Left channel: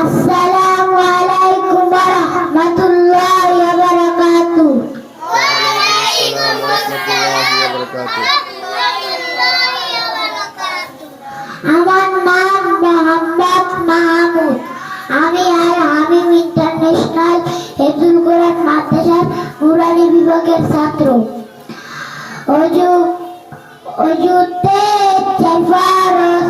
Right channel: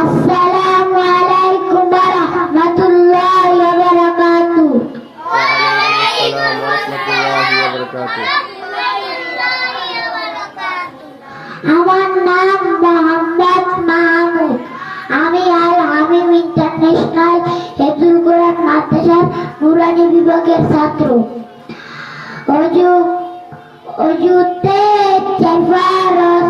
আসসালামু আলাইকুম ওয়া রাহমাতুল্লাহি আমার নাম মোহাম্মদ মাহমুদ। আমি আল হামিম ইন্টারন্যাশনাল হেফজুল কোরআন মাদ্রাসার কুরআনি বিভাগের ছাত্র। অজু অজুতে চেফারস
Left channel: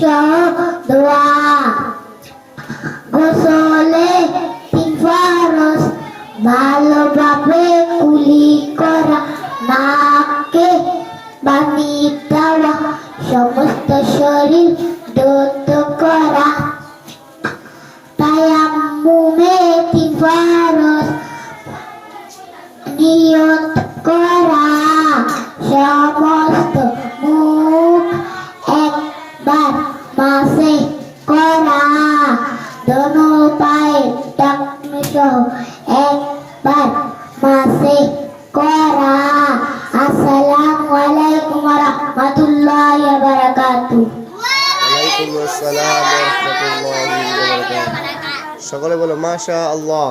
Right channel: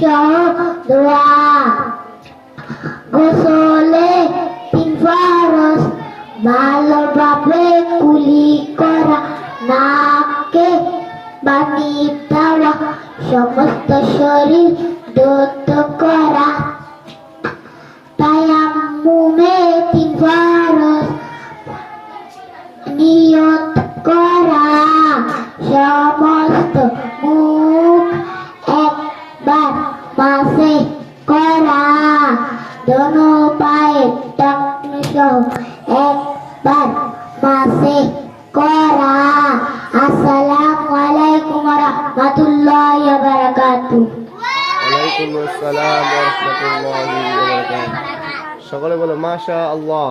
সহ দোয়া। গোসলে তিন ফারস ভালোভাবে কুলি করা, নাকে বানি দেওয়া, সমস্ত শরীর দত করা। তায়াম্মুমে তিন ফারস নিয়ত করা সমস্ত দোনো পায়ে টাকনি সহ একবার মাসে করা আসসালামু আলাইকুম ওয়া রাহমাতুল্লাহি ওয়া বারাকাতুহু ওয়ালাইকুম আসসালাম ওয়া রাহমাতুল্লাহি ওয়া বারাকাতুহু। সকলে বলো মাশা আল্লাহ